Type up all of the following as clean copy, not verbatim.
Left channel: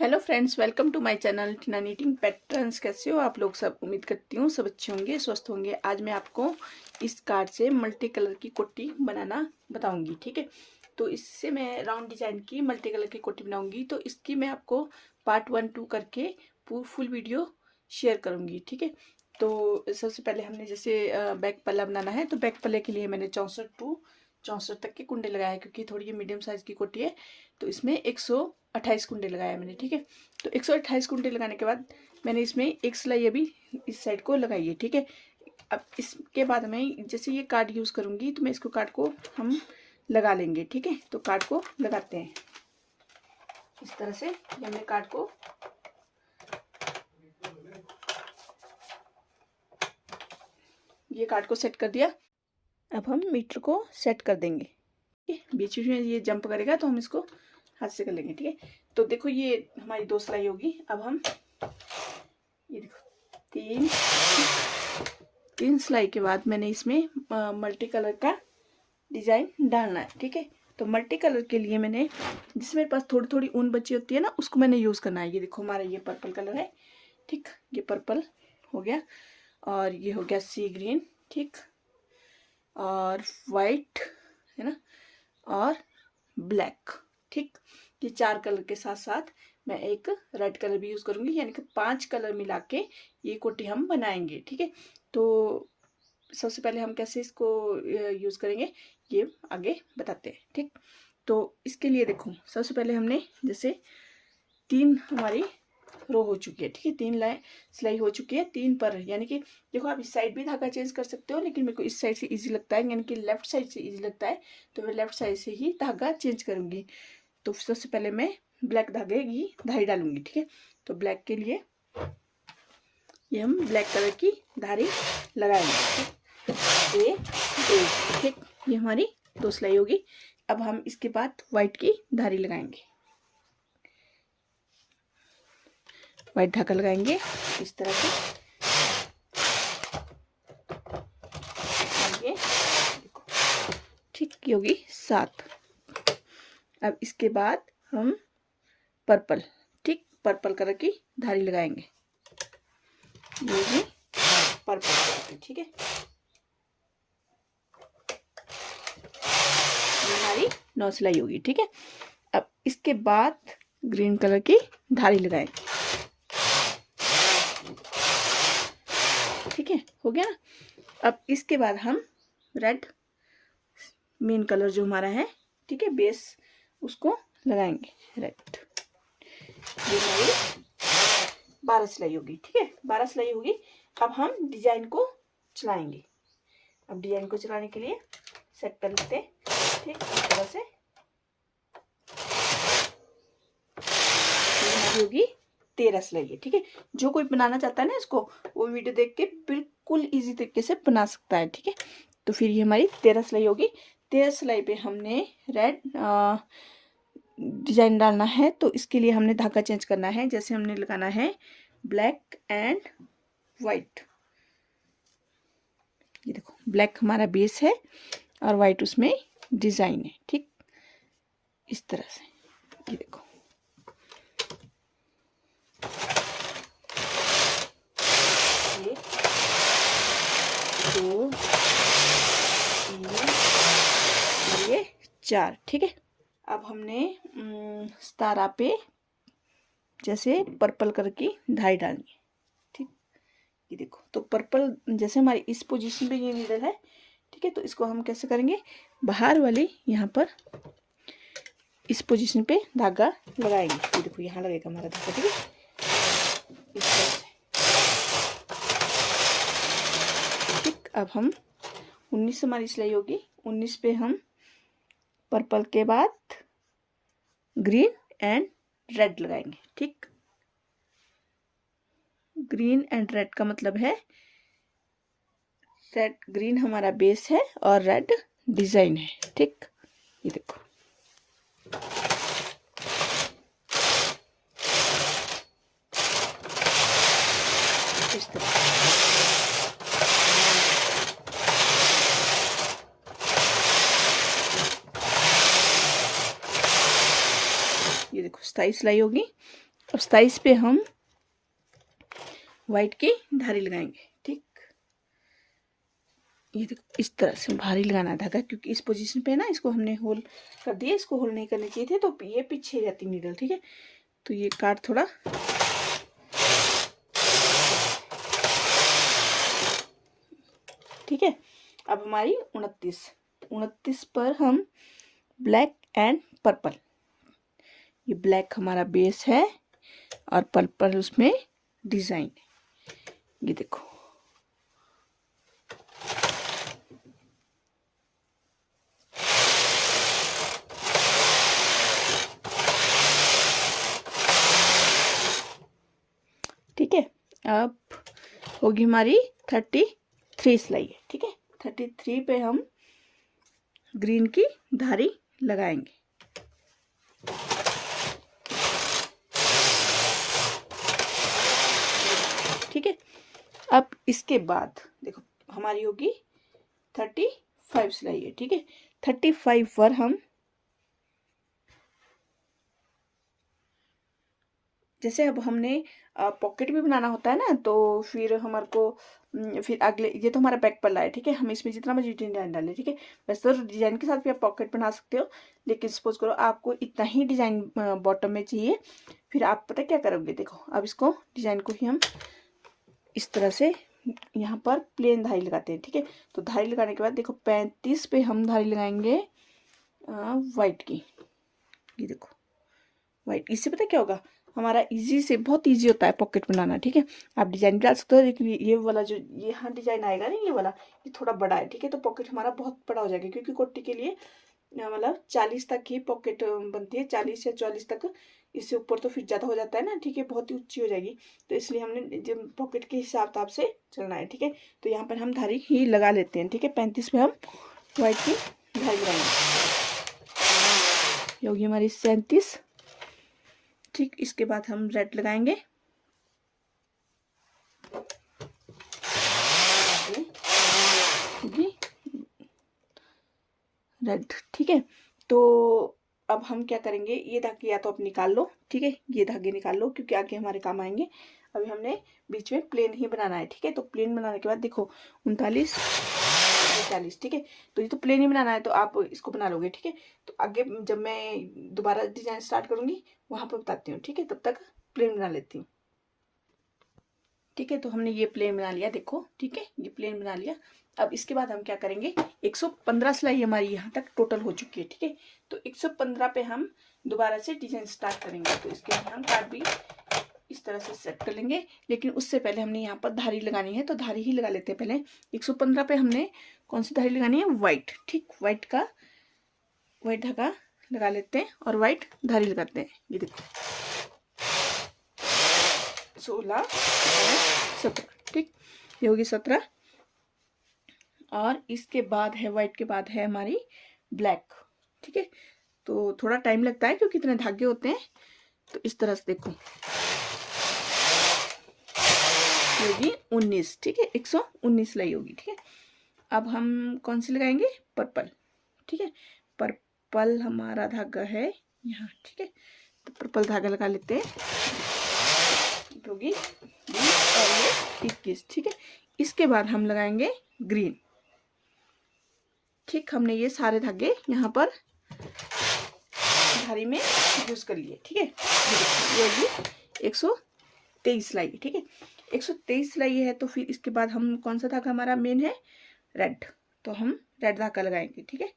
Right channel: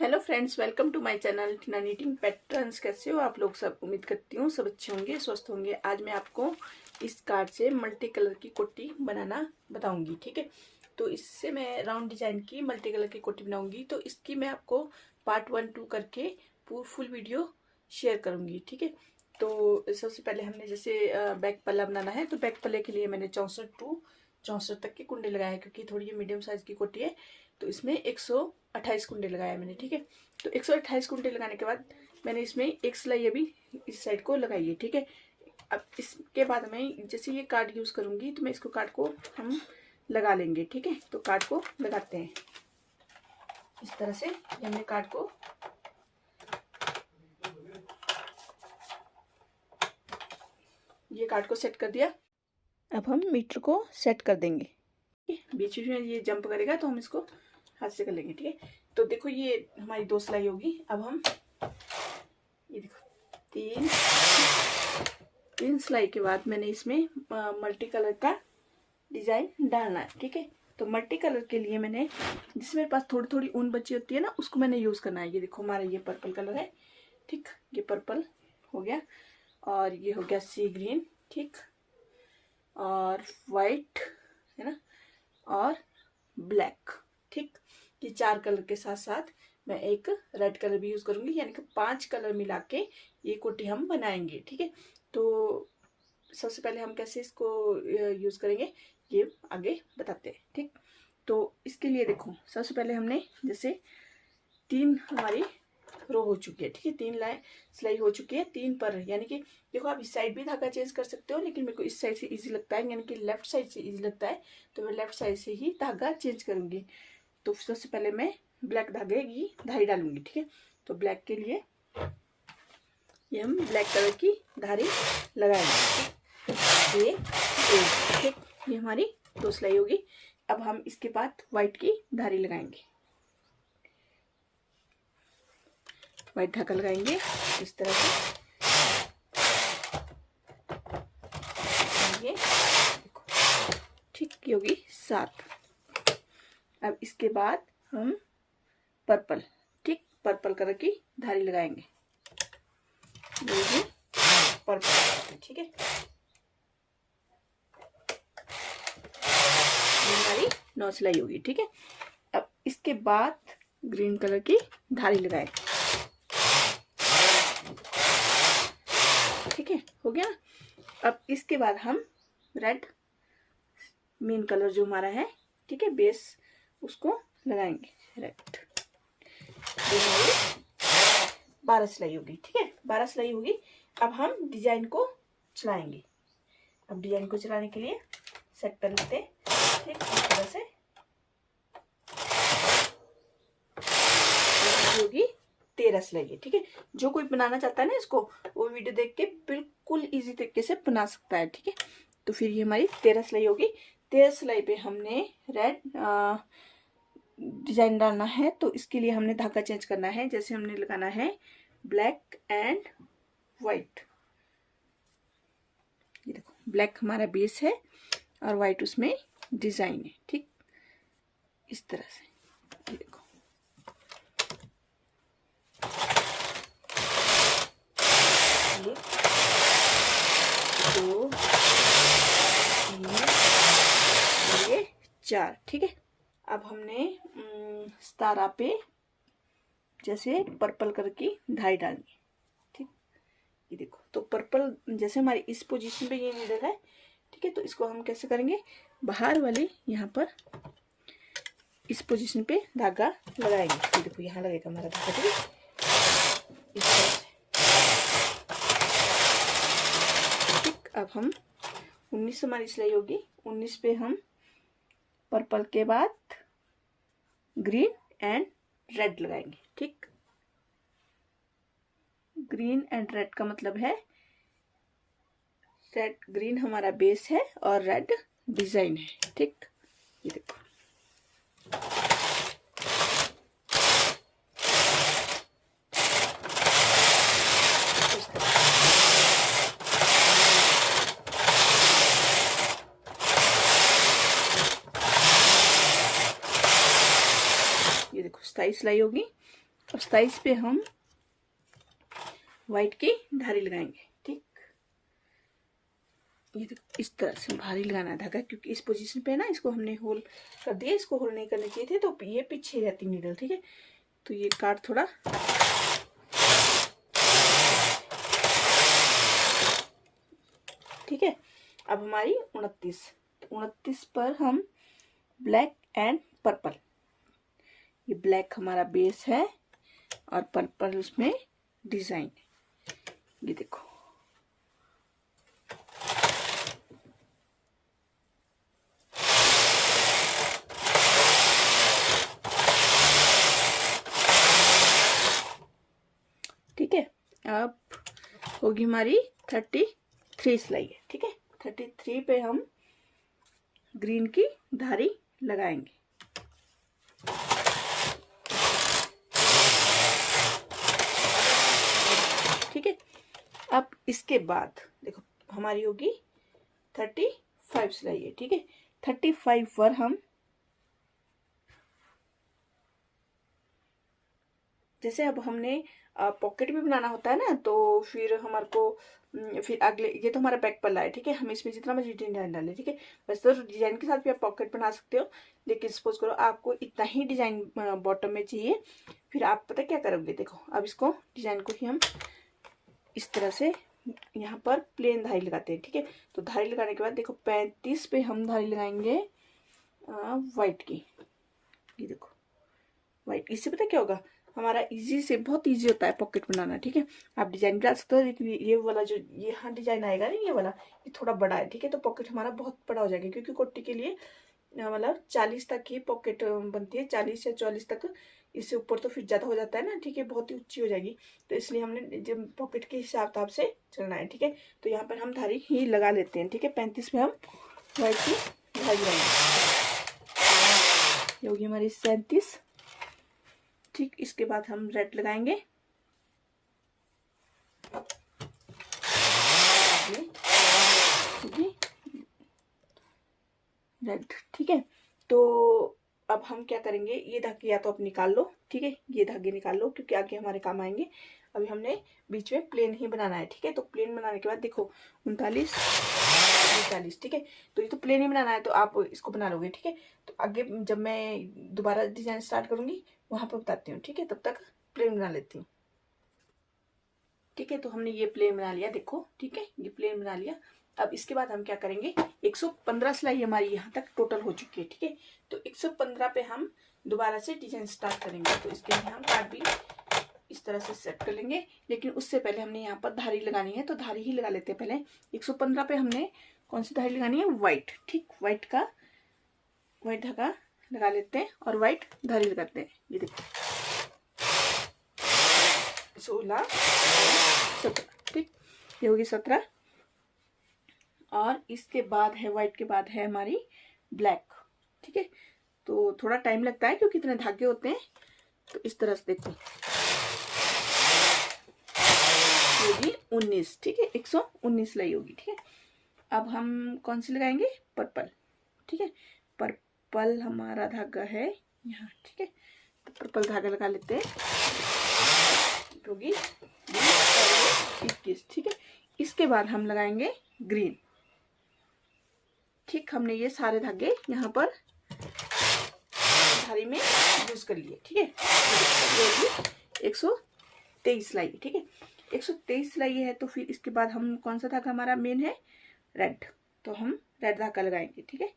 Hello friends, welcome to my channel Tina knitting patterns. कैसे हो आप लोग? सब उम्मीद करती हूँ सब अच्छे होंगे, स्वस्थ होंगे। आज मैं आपको इस कार्ड से मल्टी कलर की कोटी बनाना बताऊंगी। ठीक है, तो इससे मैं राउंड डिजाइन की मल्टी कलर की कोटी बनाऊंगी। तो इसकी मैं आपको पार्ट 1 2 करके फुल वीडियो शेयर करूंगी। ठीक है, तो सबसे पहले हमने जैसे बैक पल्ला बनाना है, तो बैक पल्ले के लिए मैंने 64 तक के कुंडे लगाए हैं, क्योंकि थोड़ी ये मीडियम साइज की कोटी है। तो इसमें 128 कुंडे लगाया मैंने। ठीक है, तो 128 कुंडे लगाने के बाद मैंने इसमें एक सिलाई अभी इस साइड को लगाई है। ठीक है, अब इसके बाद मैं जैसे ये कार्ड यूज करूंगी, तो मैं इसको कार्ड को हम लगा लेंगे। ठीक है, तो कार्ड को लगाते हैं इस तरह से। हमने कार्ड को कार्ड को सेट कर दिया। अब हम मीटर को सेट कर देंगे। बीच में ये जंप करेगा तो हम इसको हाथ से कर लेंगे। ठीक है, तो देखो ये हमारी 2 सिलाई होगी। अब हम ये देखो तीन सिलाई के बाद मैंने इसमें मल्टी कलर का डिजाइन डालना है। ठीक है, तो मल्टी कलर के लिए मैंने जिसमें मेरे पास थोड़ी थोड़ी ऊन बची होती है ना, उसको मैंने यूज करना है। ये देखो हमारा ये पर्पल कलर है। ठीक, ये पर्पल हो गया और ये हो गया सी ग्रीन। ठीक, और वाइट है ना, और ब्लैक। ठीक, ये 4 कलर के साथ साथ मैं एक रेड कलर भी यूज करूंगी, यानी कि 5 कलर मिला के ये कोटी हम बनाएंगे। ठीक है, तो सबसे पहले हम कैसे इसको यूज करेंगे ये आगे बताते हैं। ठीक, तो इसके लिए देखो सबसे पहले हमने जैसे 3 हमारी रो हो चुकी है। ठीक है, 3 सिलाई हो चुकी है 3 पर, यानी कि देखो आप इस साइड भी धागा चेंज कर सकते हो, लेकिन मेरे को इस साइड से इजी लगता है, यानी कि लेफ्ट साइड से इजी लगता है, तो मैं लेफ्ट साइड से ही धागा चेंज करूंगी। तो सबसे पहले मैं ब्लैक धागे की धारी डालूंगी। ठीक है, तो ब्लैक के लिए ये हम ब्लैक कलर की धारी लगाएंगे। ठीक, ये हमारी 2 सिलाई होगी। अब हम इसके बाद व्हाइट की धारी लगाएंगे। व्हाइट धागा लगाएंगे इस तरह से। ये ठीक, ये होगी 7। अब इसके बाद हम पर्पल, ठीक, पर्पल कलर की धारी लगाएंगे। ये भी पर्पल। ठीक है, हमारी 9 सिलाई होगी। ठीक है, अब इसके बाद ग्रीन कलर की धारी लगाएंगे। ठीक है, हो गया ना। अब इसके बाद हम रेड मेन कलर जो हमारा है, ठीक है, बेस, उसको लगाएंगे रेड। 12 सिलाई होगी। ठीक है, 12 सिलाई होगी। अब हम डिजाइन को चलाएंगे। अब डिजाइन को चलाने के लिए सेट कर लेते हैं। ठीक, इस तरह से होगी 13 सिलाई है। ठीक है, जो कोई बनाना चाहता है ना इसको, वो वीडियो देख के बिल्कुल इजी तरीके से बना सकता है। ठीक है, तो फिर ये हमारी 13 सिलाई होगी। 13 सिलाई पे हमने रेड डिजाइन डालना है, तो इसके लिए हमने धागा चेंज करना है। जैसे हमने लगाना है ब्लैक एंड वाइट। ये देखो ब्लैक हमारा बेस है और वाइट उसमें डिजाइन है। ठीक, इस तरह से ये देखो। ये 2 3 ये 4। ठीक है, अब हमने सितारा पे जैसे पर्पल कलर की धारी डालनी है। ठीक, ये देखो, तो पर्पल जैसे हमारी इस पोजीशन पे ये नीडल है। ठीक है, तो इसको हम कैसे करेंगे, बाहर वाली यहाँ पर इस पोजीशन पे धागा लगाएंगे। ये देखो यहाँ लगेगा हमारा धागा। ठीक है, इस तरह से। ठीक, अब हम 19 हमारी सिलाई होगी। 19 पे हम पर्पल के बाद ग्रीन एंड रेड लगाएंगे। ठीक, ग्रीन एंड रेड का मतलब है रेड, ग्रीन हमारा बेस है और रेड डिजाइन है। ठीक, ये देखो इस तरह। ये देखो 27 सिलाई होगी। अब 27 पे हम वाइट की धारी लगाएंगे। ठीक, ये इस तरह से भारी लगाना धागा, क्योंकि इस पोजीशन पे ना इसको हमने होल कर दिया, इसको होल नहीं करने चाहिए थे, तो ये पीछे जाती नीडल। ठीक है, तो ये काट थोड़ा, ठीक है। अब हमारी 29 पर हम ब्लैक एंड पर्पल, ये ब्लैक हमारा बेस है और पर्पल उसमें डिजाइन, ये देखो। ठीक है, अब होगी हमारी 33 सिलाई है। ठीक है, 33 पे हम ग्रीन की धारी लगाएंगे। ठीक है, अब इसके बाद देखो हमारी होगी 35 सिलाई है। ठीक है, 35 पर हम जैसे अब हमने पॉकेट भी बनाना होता है ना, तो फिर हमारे को फिर अगले, ये तो हमारा बैक पल्ला है। ठीक है, हम इसमें जितना मर्जी डिजाइन डालें। ठीक है, वैसे तो डिजाइन के साथ भी आप पॉकेट बना सकते हो, लेकिन सपोज करो आपको इतना ही डिजाइन बॉटम में चाहिए, फिर आप पता क्या करोगे, देखो अब इसको डिजाइन को ही हम इस तरह से यहाँ पर प्लेन धारी लगाते हैं। ठीक है, तो धारी लगाने के बाद देखो 35 पे हम धारी लगाएंगे वाइट की, ये देखो वाइट। इससे पता क्या होगा, हमारा इजी से बहुत इजी होता है पॉकेट बनाना। ठीक है, आप डिजाइन डाल सकते हो, लेकिन ये वाला जो यहाँ डिजाइन आएगा ना, ये वाला ये थोड़ा बड़ा है। ठीक है, तो पॉकेट हमारा बहुत बड़ा हो जाएगा, क्योंकि कोटी के लिए मतलब 40 तक ही पॉकेट बनती है, 40 या 44 तक। इससे ऊपर तो फिर ज़्यादा हो जाता है ना। ठीक है, बहुत ही ऊंची हो जाएगी, तो इसलिए हमने जब पॉकेट के हिसाब से चलना है। ठीक है, तो यहाँ पर हम धारी ही लगा लेते हैं। ठीक है, 35 में हम वाइट की धारी लगाएंगे, ये होगी हमारी 37। ठीक, इसके बाद हम रेड लगाएंगे, रेड। ठीक है, तो अब हम क्या करेंगे, ये धागे या तो आप निकाल लो। ठीक है, ये धागे निकाल लो, क्योंकि आगे हमारे काम आएंगे। अभी हमने बीच में प्लेन ही बनाना है। ठीक है, तो प्लेन बनाने के बाद देखो 39 40। ठीक है, तो ये तो प्लेन ही बनाना है, तो आप इसको बना लोगे। ठीक है, तो आगे जब मैं दोबारा डिजाइन स्टार्ट करूंगी वहां पर बताती हूँ। ठीक है, तब तक प्लेन बना लेती हूँ। ठीक है, तो हमने ये प्लेन बना लिया, देखो। ठीक है, ये प्लेन बना लिया। अब इसके बाद हम क्या करेंगे, 115 सिलाई हमारी यहाँ तक टोटल हो चुकी है। ठीक है, तो 115 पे हम दोबारा से डिजाइन स्टार्ट करेंगे, तो इसके लिए हम कार्ड भी इस तरह से सेट कर लेंगे। लेकिन उससे पहले हमने यहाँ पर धारी लगानी है, तो धारी ही लगा लेते हैं पहले। 115 पे हमने कौन सी धारी लगानी है, व्हाइट। ठीक, व्हाइट धागा लगा लेते हैं और व्हाइट धारी लगाते हैं। ये देखो 16 17। ठीक, ये होगी 17। और इसके बाद है व्हाइट के बाद है हमारी ब्लैक। ठीक है, तो थोड़ा टाइम लगता है क्योंकि इतने धागे होते हैं। तो इस तरह से देखो, होगी 19। ठीक है, 119 सिलाई होगी। ठीक है, अब हम कौन सी लगाएंगे, पर्पल। ठीक है, पर्पल हमारा धागा है यहाँ। ठीक है, तो पर्पल धागा लगा लेते हैं, होगी 21। ठीक है, इसके बाद हम लगाएंगे ग्रीन। ठीक, हमने ये सारे धागे यहाँ पर धारी में यूज कर लिए। ठीक है, ये होगी 123 सिलाई। ठीक है, 123 सिलाई है, तो फिर इसके बाद हम कौन सा धागा हमारा मेन है, रेड, तो हम रेड धागा लगाएंगे। ठीक है,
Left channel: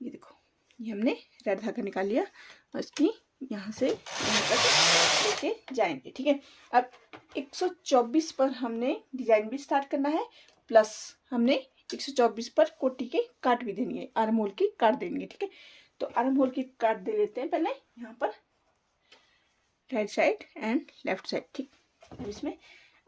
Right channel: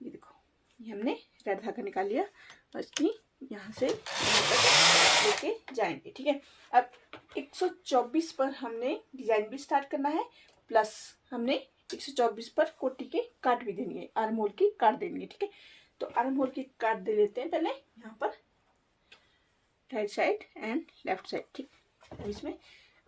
ये देखो, ये हमने रेड धागा निकाल लिया और इसकी यहाँ से लेके जाएंगे। ठीक है, अब 124 पर हमने डिजाइन भी स्टार्ट करना है, प्लस हमने 124 पर कोटी के काट भी देनी है, आर्म होल की काट देंगे। ठीक है, तो आर्म होल की काट दे लेते हैं पहले यहाँ पर, right side and left side. ठीक, अब इसमें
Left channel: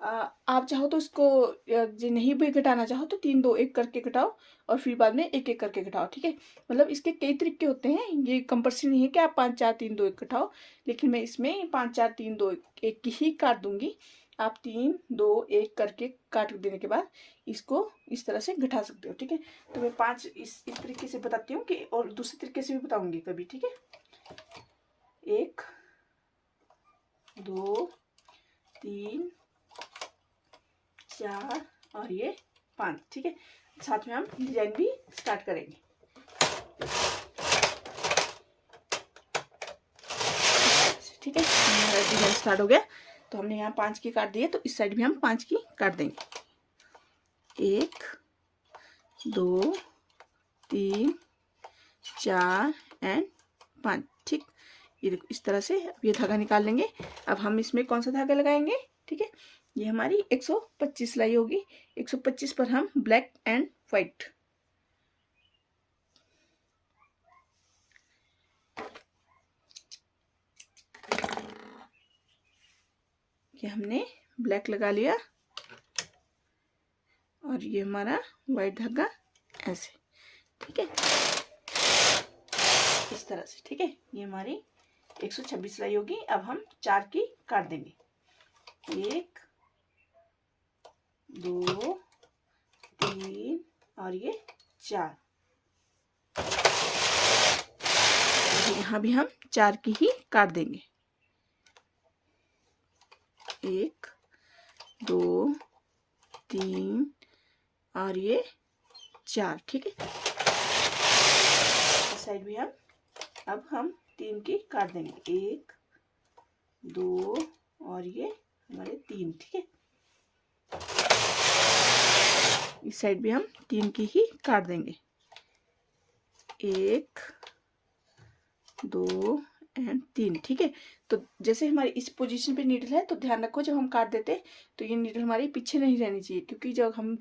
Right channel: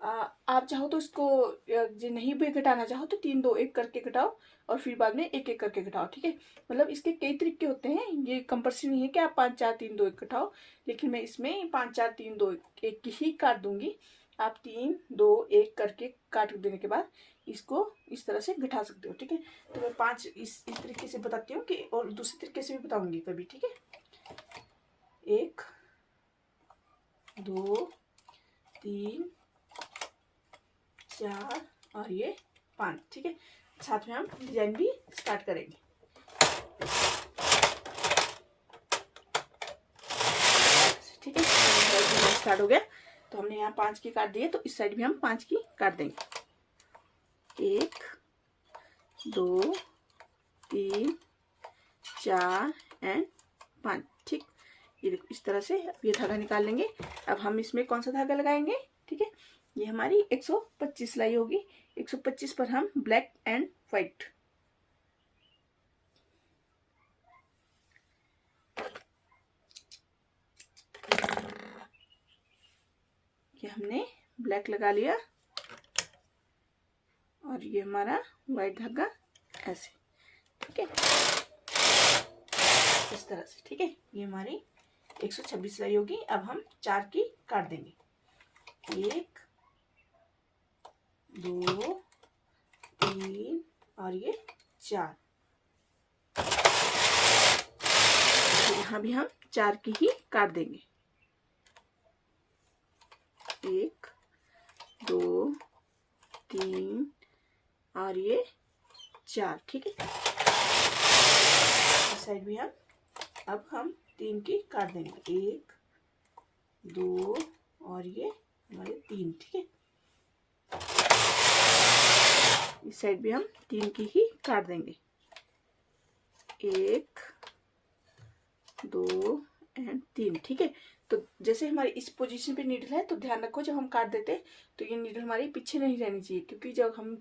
आप चाहो तो इसको जो नहीं भी घटाना चाहो तो 3 2 1 करके घटाओ, और फिर बाद में 1 1 करके घटाओ। ठीक है, मतलब इसके कई तरीके होते हैं, ये कंपल्सरी नहीं है कि आप 5 4 3 2 1 घटाओ, लेकिन मैं इसमें 5 4 3 2 1 ही काट दूंगी। आप 3 2 1 करके काट देने के बाद इसको इस तरह से घटा सकते हो। ठीक है, तो मैं 5 इस तरीके से बताती हूँ कि, और दूसरे तरीके से भी बताऊंगी कभी। ठीक है, 1 2 3 4 और ये 5। ठीक है, साथ में हम डिजाइन भी स्टार्ट करेंगे। ठीक है, डिजाइन स्टार्ट हो गया। तो हमने यहाँ 5 की काट दी है, तो इस साइड भी हम 5 की काट देंगे। 1 2 3 4 एंड 5। ठीक, ये देखो इस तरह से। अब ये धागा निकाल लेंगे। अब हम इसमें कौन सा धागा लगाएंगे? ठीक है, ये हमारी 125 सिलाई होगी। 125 पर हम ब्लैक एंड व्हाइट, ये हमने ब्लैक लगा लिया और ये हमारा व्हाइट धागा ऐसे। ठीक है, इस तरह से। ठीक है, ये हमारी 126 सिलाई होगी। अब हम 4 की काट देंगे। 1 2 3 और ये 4। यहाँ भी हम 4 की ही काट देंगे। 1 2 3 और ये 4। ठीक है, इस साइड भी अब हम 3 की काट देंगे। 1 2 और ये हमारे 3। ठीक है, इस साइड भी हम 3 की ही काट देंगे। 1 2 एंड 3। ठीक है, तो जैसे हमारी इस पोजीशन पे नीडल है, तो ध्यान रखो जब हम काट देते तो ये नीडल हमारी पीछे नहीं रहनी चाहिए, क्योंकि जब हम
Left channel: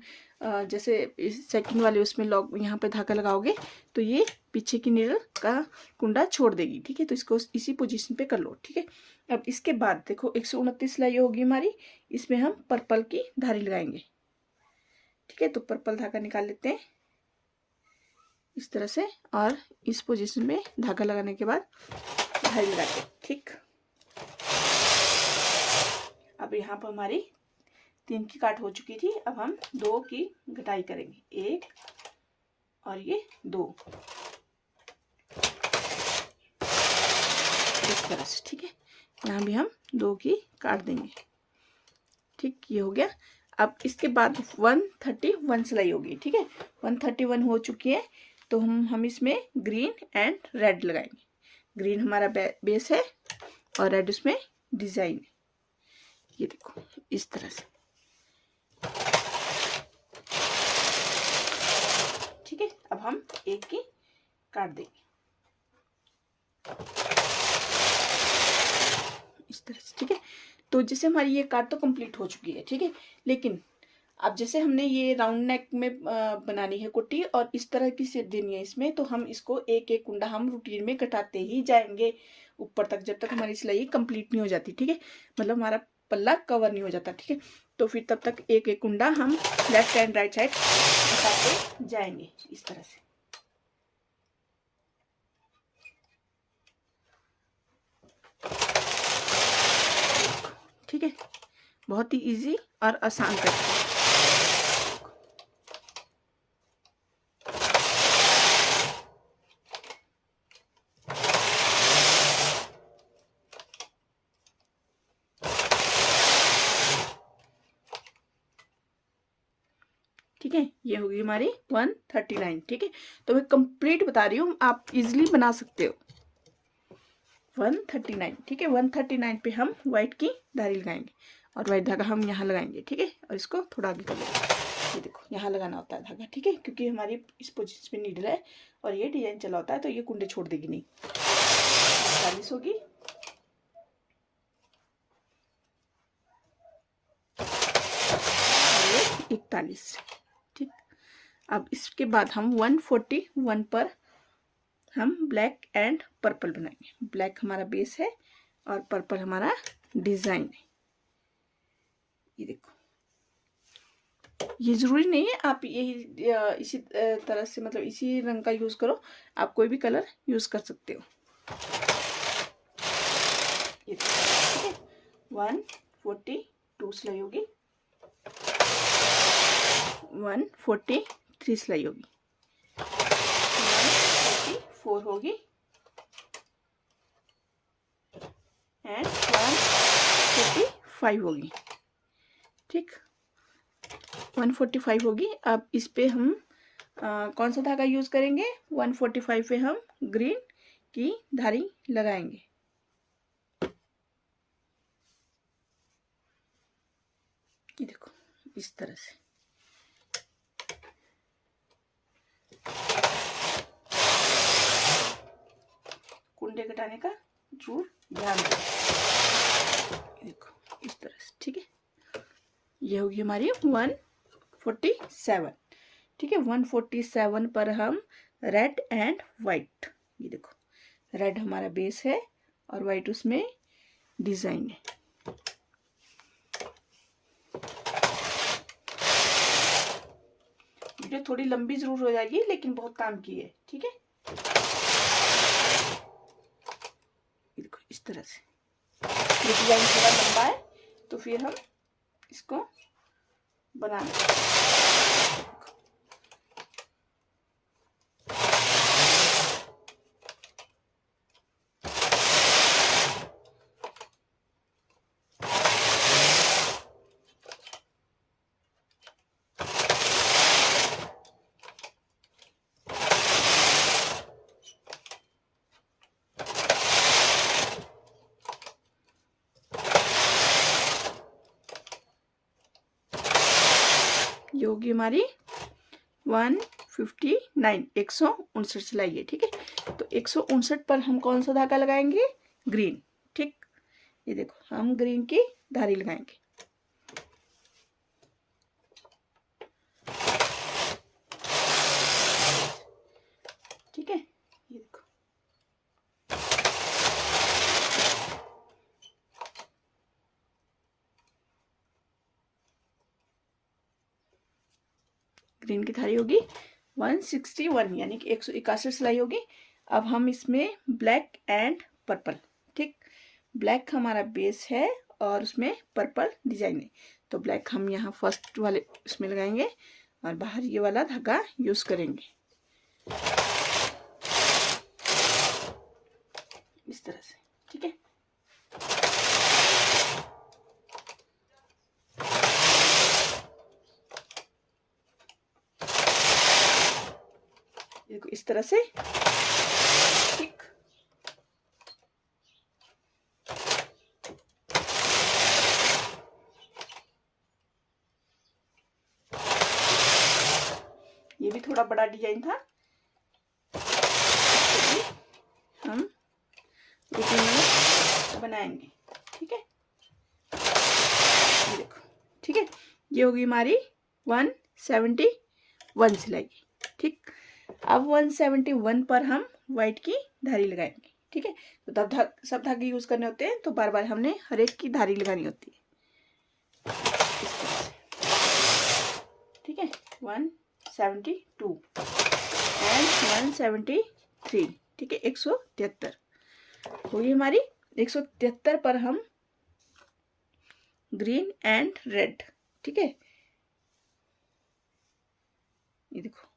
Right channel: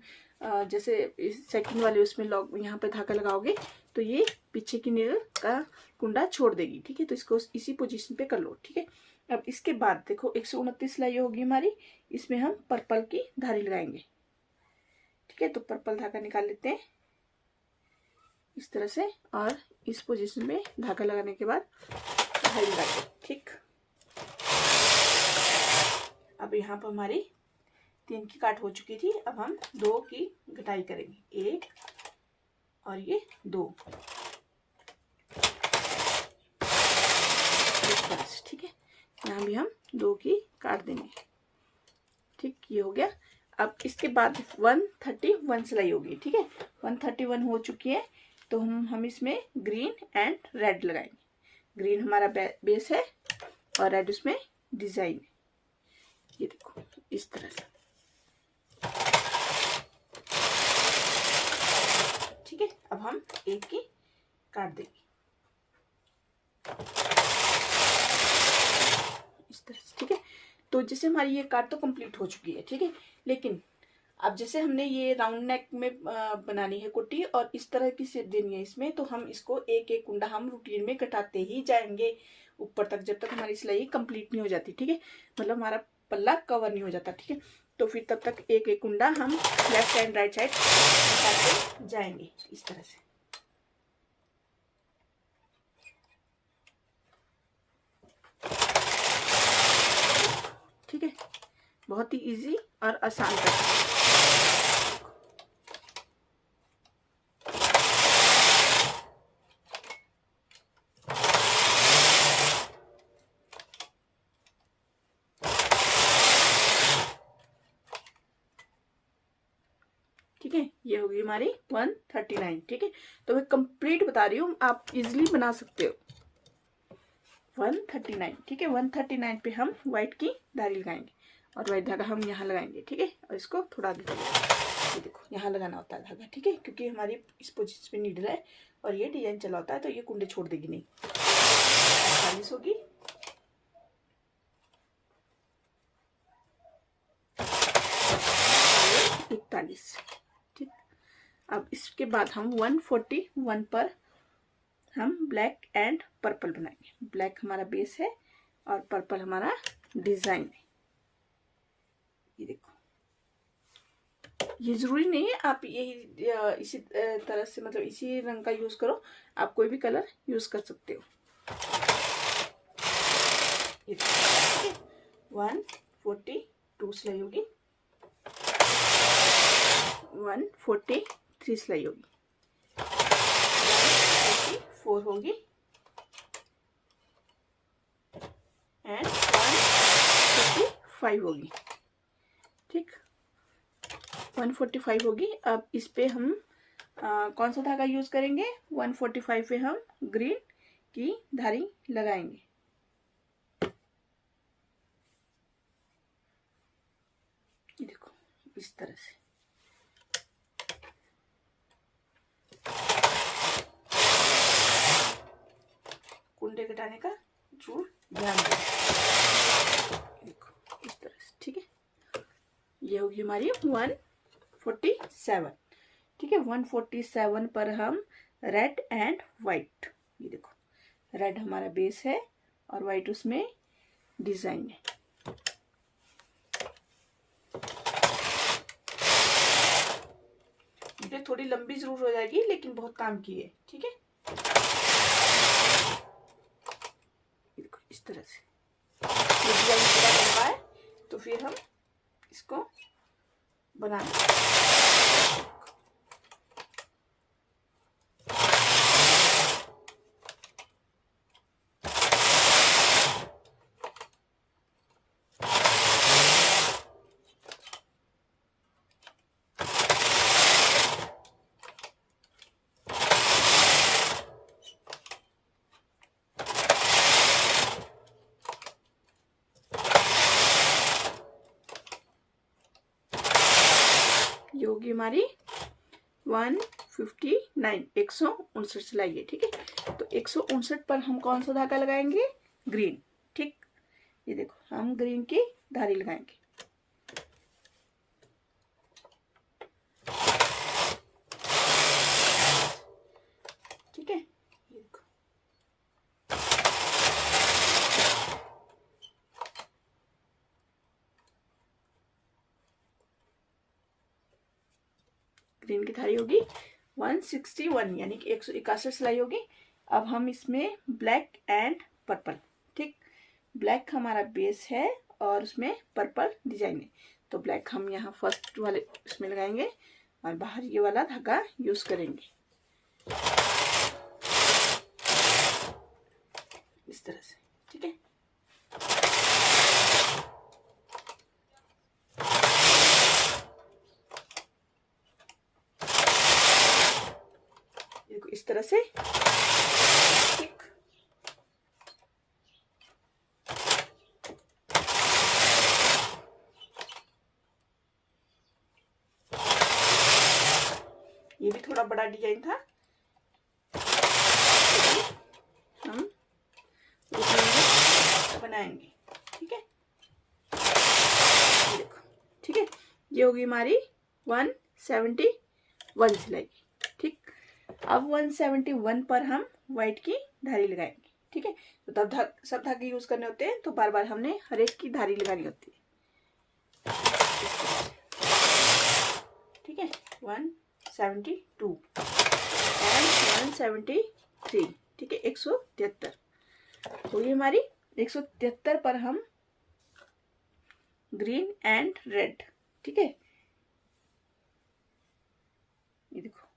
जैसे इस सेकंड वाले उसमें लॉक यहाँ पे धागा लगाओगे तो ये पीछे की नीडल का कुंडा छोड़ देगी। ठीक है, तो इसको इसी पोजीशन पे कर लो। ठीक है, अब इसके बाद देखो 129 सिलाई होगी हमारी। इसमें हम पर्पल की धारी लगाएंगे। ठीक है, तो पर्पल धागा निकाल लेते हैं इस तरह से, और इस पोजीशन में धागा लगाने के बाद धारी लगाएंगे। ठीक, अब यहाँ पर हमारी 3 की काट हो चुकी थी। अब हम 2 की घटाई करेंगे। 1 और ये 2 इस तरह से। ठीक है, यहाँ भी हम 2 की काट देंगे। ठीक, ये हो गया। अब इसके बाद 131 सिलाई होगी। ठीक है, 131 हो चुकी है, तो हम इसमें ग्रीन एंड रेड लगाएंगे। ग्रीन हमारा बेस है और रेड उसमें डिजाइन है। ये देखो इस तरह से। ठीक है, अब हम 1 की काट देंगे इस तरह से। ठीक है, तो जैसे हमारी ये काट तो कंप्लीट हो चुकी है। ठीक है, लेकिन अब जैसे हमने ये राउंड नेक में बनानी है कुर्ती और इस तरह की शेप देनी है इसमें, तो हम इसको एक एक कुंडा हम रूटीन में कटाते ही जाएंगे ऊपर तक, जब तक हमारी सिलाई कंप्लीट नहीं हो जाती। ठीक है, मतलब हमारा पल्ला कवर नहीं हो जाता। ठीक है, तो फिर तब तक एक एक कुंडा हम लेफ्ट एंड राइट साइड कटाते जाएंगे इस तरह से। ठीक है, बहुत ही इजी और आसान तरीका। ठीक है, ये होगी हमारी 139। ठीक है, तो मैं कंप्लीट बता रही हूँ, आप इजीली बना सकते हो। 139। ठीक है, 139 पे हम व्हाइट की धारी लगाएंगे और व्हाइट धागा हम यहाँ लगाएंगे। ठीक है, और इसको थोड़ा आगे कर लो। ये देखो यहाँ लगाना होता है धागा। ठीक है, क्योंकि हमारी इस पोजीशन पे नीडल है और ये डिजाइन चला होता है, तो ये कुंडे छोड़ देगी नहीं। 40 होगी। और 41। ठीक, अब इसके बाद हम 141 पर हम ब्लैक एंड पर्पल बनाएंगे। ब्लैक हमारा बेस है और पर्पल हमारा डिजाइन है। ये देखो, ये जरूरी नहीं है आप यही इसी तरह से, मतलब इसी रंग का यूज करो, आप कोई भी कलर यूज कर सकते हो। ये देखो, 142 सिलाई होगी, 143 सिलाई होगी, 44 होगी एंड 145 145 होगी, ठीक, 145 होगी। अब इस पे हम कौन सा धागा यूज करेंगे, 145 पे हम ग्रीन की धारी लगाएंगे। ये देखो इस तरह से। कुंडे घटाने का जरूर ध्यान रखें। देखो इस तरह से, ठीक है। ये होगी हमारी 147, ठीक है। 147 पर हम रेड एंड वाइट, ये देखो रेड हमारा बेस है और वाइट उसमें डिजाइन है। वीडियो थोड़ी लंबी जरूर हो जाएगी लेकिन बहुत काम की है, ठीक है। देखो इस तरह से ये डिजाइन पूरा लंबा है तो फिर हम इसको बनाएंगे। ये होगी हमारी 159, 159 सिलाई है, ठीक है। तो 159 पर हम कौन सा धागा लगाएंगे, ग्रीन, ठीक। ये देखो हम ग्रीन की धारी लगाएंगे। ठीक है, ये देखो ग्रीन की धारी होगी 161, यानी कि 161 सिलाई होगी। अब हम इसमें ब्लैक एंड पर्पल, ठीक, ब्लैक हमारा बेस है और उसमें पर्पल डिजाइन है। तो ब्लैक हम यहाँ फर्स्ट वाले इसमें लगाएंगे और बाहर ये वाला धागा यूज करेंगे इस तरह से, ठीक है। देखो इस तरह से, ठीक। ये भी थोड़ा बड़ा डिजाइन था, हम बनाएंगे, ठीक है। ये देखो, ठीक है, ये होगी हमारी 171 सिलाई, ठीक। अब 171 पर हम व्हाइट की धारी लगाएंगे, ठीक है। तो तब सब धागे यूज करने होते हैं तो बार बार हमने हर एक की धारी लगानी होती है, ठीक है। 172 एंड 173, ठीक है, 173 होगी हमारी। 173 पर हम ग्रीन एंड रेड, ठीक है। ये देखो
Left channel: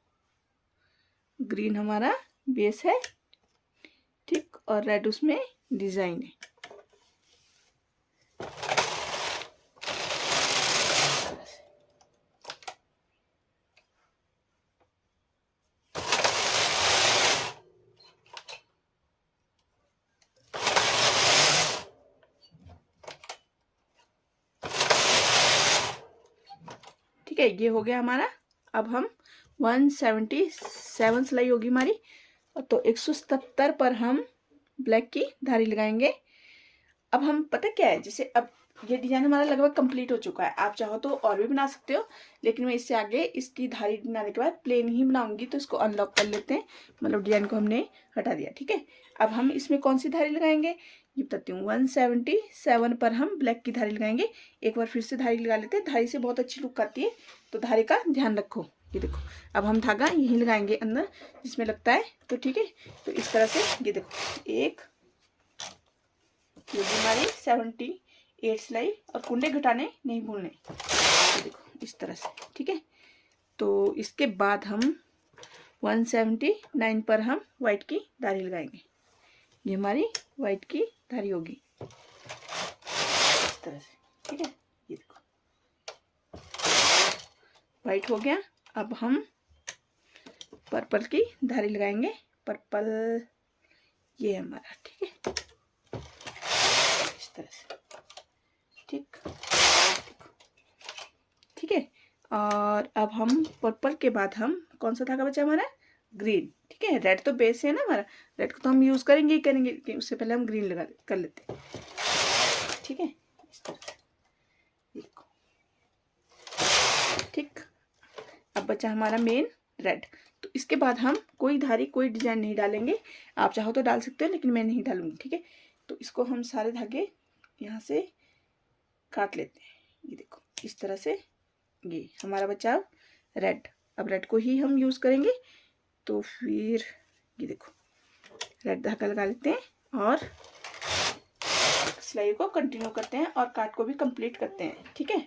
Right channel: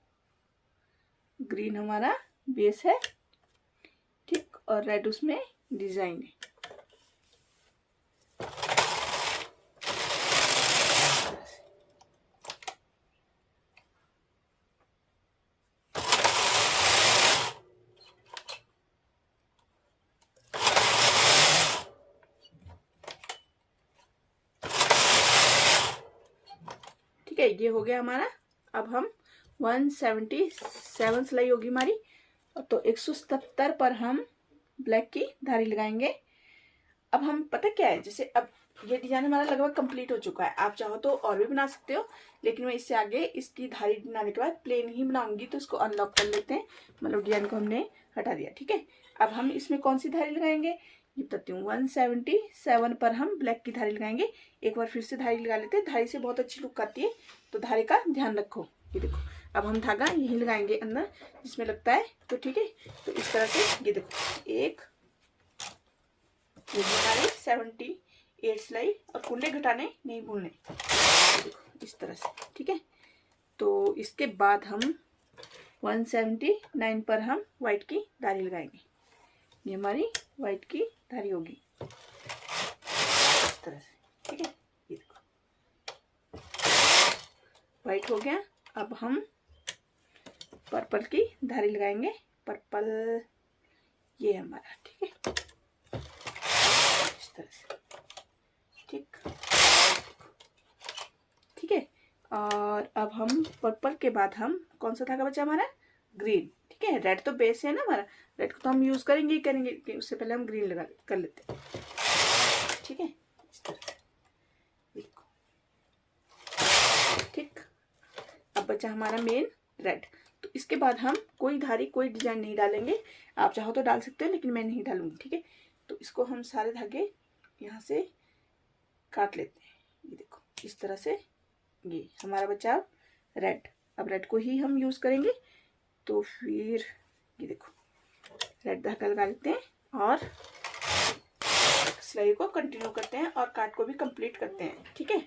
ग्रीन हमारा बेस है, ठीक, और रेड उसमें डिजाइन है। ठीक है, ये हो गया हमारा। अब हम 177 सिलाई होगी हमारी, तो 177 पर हम ब्लैक की धारी लगाएंगे। अब हम पता क्या है, जैसे अब ये डिजाइन हमारा लगभग कंप्लीट हो चुका है। आप चाहो तो और भी बना सकते हो, लेकिन मैं इससे आगे इसकी धारी बनाने के बाद प्लेन ही बनाऊंगी। तो इसको अनलॉक कर लेते हैं, मतलब डिजाइन को हमने हटा दिया, ठीक है। अब हम इसमें कौन सी धारी लगाएंगे ये बताती हूँ। 177 पर हम ब्लैक की धारी लगाएंगे। एक बार फिर से धारी लगा लेते हैं, धारी से बहुत अच्छी लुक आती है, तो धारी का ध्यान रखो। ये देखो अब हम धागा यहीं लगाएंगे अंदर जिसमें लगता है, तो ठीक है। तो इस तरह से ये देखो एक, ये हमारी 78 सिलाई, और कुंडे घटाने नहीं भूलने, ये देखो इस तरह से, ठीक है। तो इसके बाद हम 179 पर हम व्हाइट की धारी लगाएंगे। ये हमारी व्हाइट की धारी होगी इस तरह से, ठीक है। वाइट हो गया। अब हम पर्पल की धारी लगाएंगे। पर्पल ये हमारा, ठीक है, इस तरह से, ठीक ठीक है। और अब हम पर्पल के बाद हम कौन सा धागा बचा हमारा, ग्रीन, ठीक है। रेड तो बेस है ना हमारा, रेड को तो हम यूज करेंगे ही करेंगे, उससे पहले हम ग्रीन लगा कर लेते हैं, ठीक है, इस तरह से, देखो, ठीक। अब बचा हमारा मेन रेड। तो इसके बाद हम कोई धारी कोई डिजाइन नहीं डालेंगे, आप चाहो तो डाल सकते हो लेकिन मैं नहीं डालूंगी, ठीक है। तो इसको हम सारे धागे यहाँ से काट लेते हैं, ये देखो इस तरह से। ये हमारा बचा रेड। अब रेड को ही हम यूज करेंगे, तो फिर ये देखो रेड धागा लगा लेते हैं और सिलाई को कंटिन्यू करते हैं और काट को भी कंप्लीट करते हैं, ठीक है।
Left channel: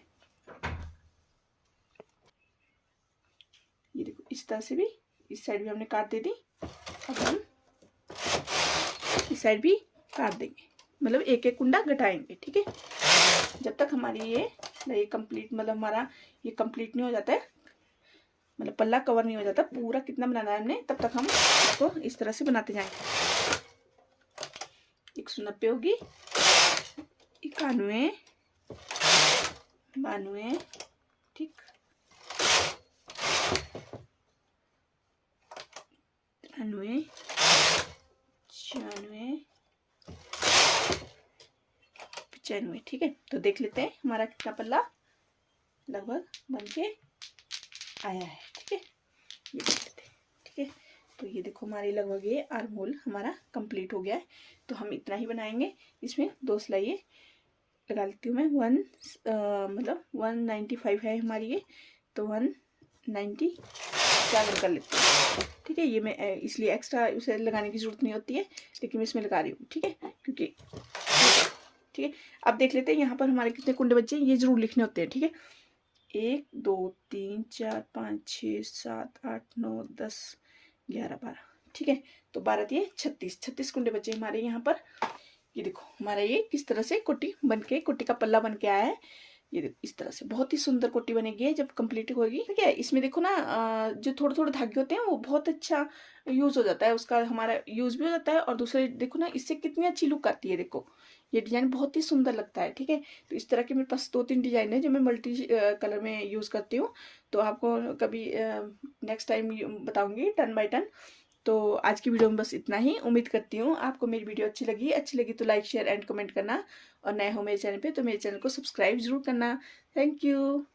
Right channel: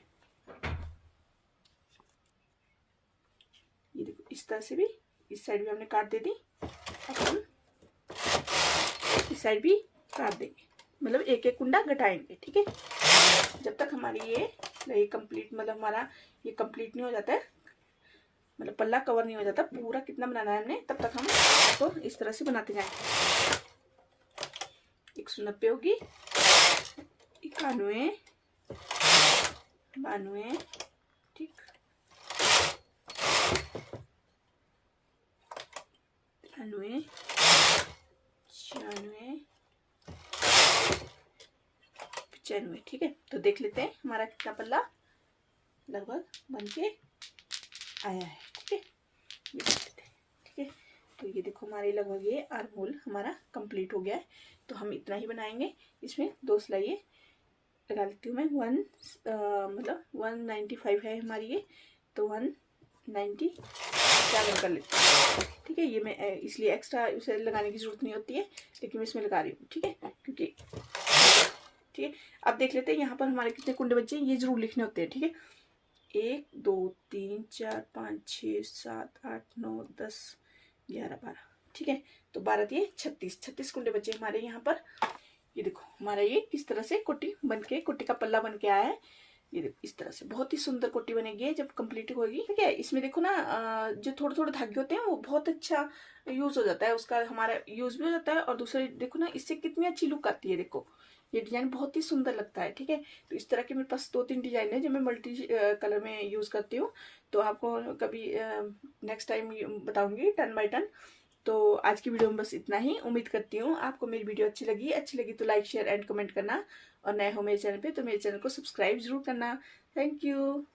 ये देखो इस तरह से भी, इस साइड भी हमने काट दे दी। अब हम इस साइड भी काट देंगे, मतलब एक एक कुंडा घटाएंगे, ठीक है। जब तक हमारी ये कंप्लीट, मतलब हमारा ये कंप्लीट नहीं हो जाता है, मतलब पल्ला कवर नहीं हो जाता पूरा कितना बनाना है हमने, तब तक हम इसको इस तरह से बनाते जाएंगे। 190 होगी, 91, 92, ठीक, 93, 94, 95, ठीक है। तो देख लेते हैं हमारा कितना पल्ला लगभग बन के आया है, ठीक है, ये देख लेते हैं, ठीक है। तो ये देखो हमारी लगभग ये आर्म होल हमारा कंप्लीट हो गया है। तो हम इतना ही बनाएंगे, इसमें 2 सिलाई लगा लेती हूँ मैं। मतलब 195 है हमारी ये, तो 197 कर लेती हूँ, ठीक है। ये मैं इसलिए एक्स्ट्रा उसे लगाने की जरूरत नहीं होती है, लेकिन मैं इसमें लगा रही हूँ, ठीक है, क्योंकि, ठीक है। अब देख लेते हैं यहाँ पर हमारे कितने कुंडे बचे, ये जरूर लिखने होते हैं, ठीक है। 1 2 3 4 5 6 7 8 9 10 11 12, ठीक है। तो 12 दिए 36 कुंडे बचे हमारे यहाँ पर। ये देखो हमारा ये किस तरह से कोटी बनके, कोटी का पल्ला बन के आया है। ये देखो इस तरह से बहुत ही सुंदर कोटी बनेगी जब कंप्लीट होगी, ठीक है। इसमें देखो ना जो थोड़े थोड़े धागे होते हैं वो बहुत अच्छा यूज हो जाता है, उसका हमारा यूज भी हो जाता है। और दूसरे देखो ना इससे कितनी अच्छी लुक आती है, देखो ये डिजाइन बहुत ही सुंदर लगता है, ठीक है। तो इस तरह के मेरे पास 2-3 डिजाइन है जो मैं मल्टी कलर में यूज करती हूँ। तो आपको कभी नेक्स्ट टाइम बताऊंगी टर्न बाय टर्न। तो आज की वीडियो में बस इतना ही। उम्मीद करती हूँ आपको मेरी वीडियो अच्छी लगी तो लाइक शेयर एंड कमेंट करना, और नए हो मेरे चैनल पे तो मेरे चैनल को सब्सक्राइब जरूर करना। Thank you.